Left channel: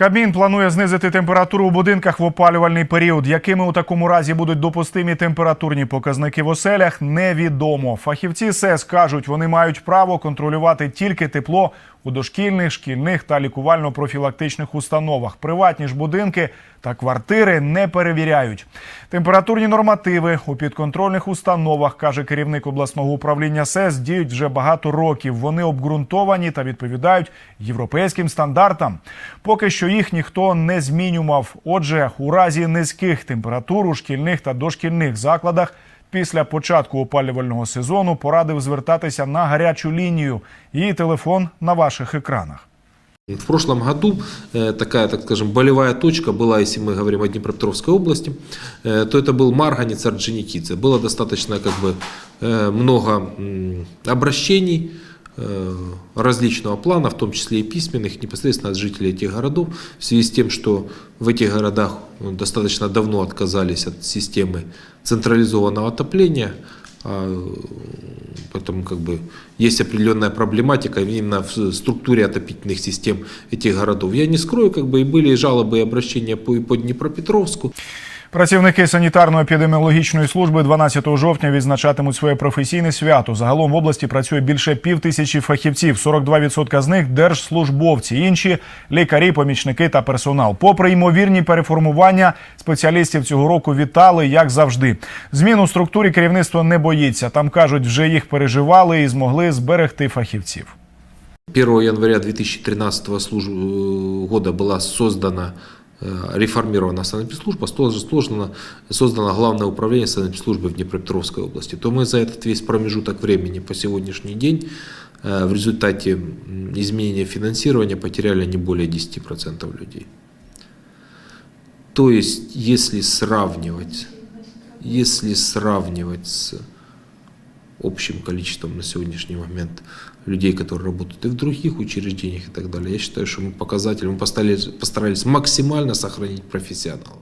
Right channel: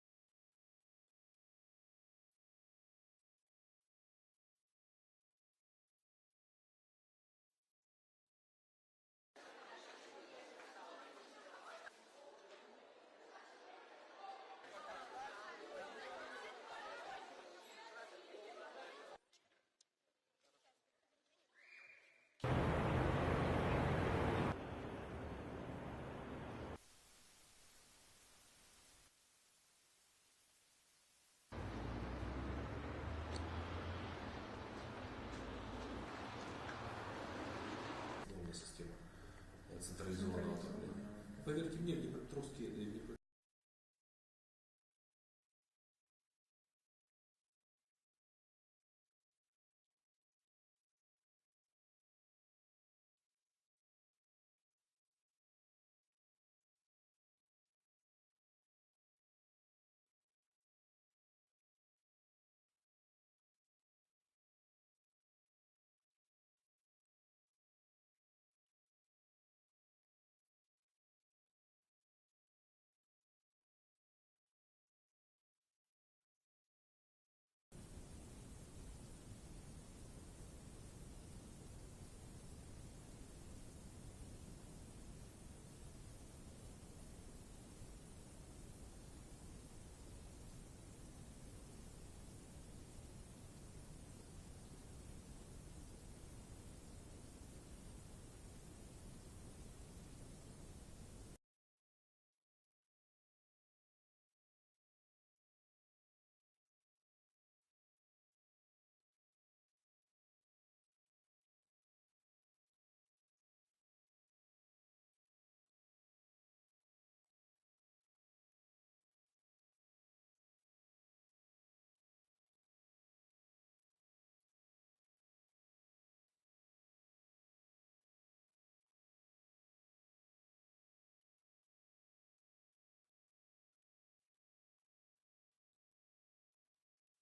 Кабмін планує знизити температуру у будинках в опалювальний період. Якими у такому разі будуть допустимі температурні показники в оселях, невідомо. Фахівці СЕС кажуть, вони мають право контролювати тільки тепло у дошкільних, шкільних та лікувально-профілактичних установах. Приватні ж будинки та квартири не перевіряють. Температурні нормативи у підконтрольних установах, каже керівник обласного управління СЕС, діють вже багато років. Вони обґрунтовані та відповідають європейським стандартам. Поки що їх ніхто не змінював. Отже, у разі низьких температур у шкільних та дошкільних закладах після початку опалювального сезону порадив звертатися на гарячу лінію. Її телефон на ваших екранах. В прошлом году э, такая, так скажем, болевая точка была, если мы говорим о Днепропетровской области, э, то это был Марганец Орджоникидзе. Было достаточно как бы э, много м, обращений э, различного плана, в том числе и письменных, непосредственно от жителей этих городов, в связи с тем, что в этих городах ну, достаточно давно отказались от системы централизованного отопления, а, Поэтому как бы есть определенная проблематика именно в структуре отопительных систем этих городов. Я не скрою, как бы и были жалобы и обращения по, и по Днепропетровску. Працівники санітарно-епідеміологічної служби 12 жовтня відзначатимуть своє професійне свято. Загалом в області працює більше пів тисячі фахівців. 42% з них держслужбовці, інші лікарі, помічники та персонал. Попри ймовірні переформування, спеціалістів цього року вітали як завжди. Змін у структурі керівництво не боїться. Там кажуть, вже їх переживали і змогли зберегти фахівців. 1 января 2013 служ- э, года была создана э, реформирована санэпидслужба, сложно- сложно создано Главное управление санэпидслужбы в Днепропетровской области, то мы за этот весь промежуток времени по сегодняшний день э, в результате м, изменения финансирования потеряли не более 10% людей. То есть, если сравнивать, если сравнивать с общим количеством на сегодняшний момент людей, которые работают и в других учреждениях и так далее. Я считаю, что мы показатели, мы постарались, постарались максимально сохранить профессионалов.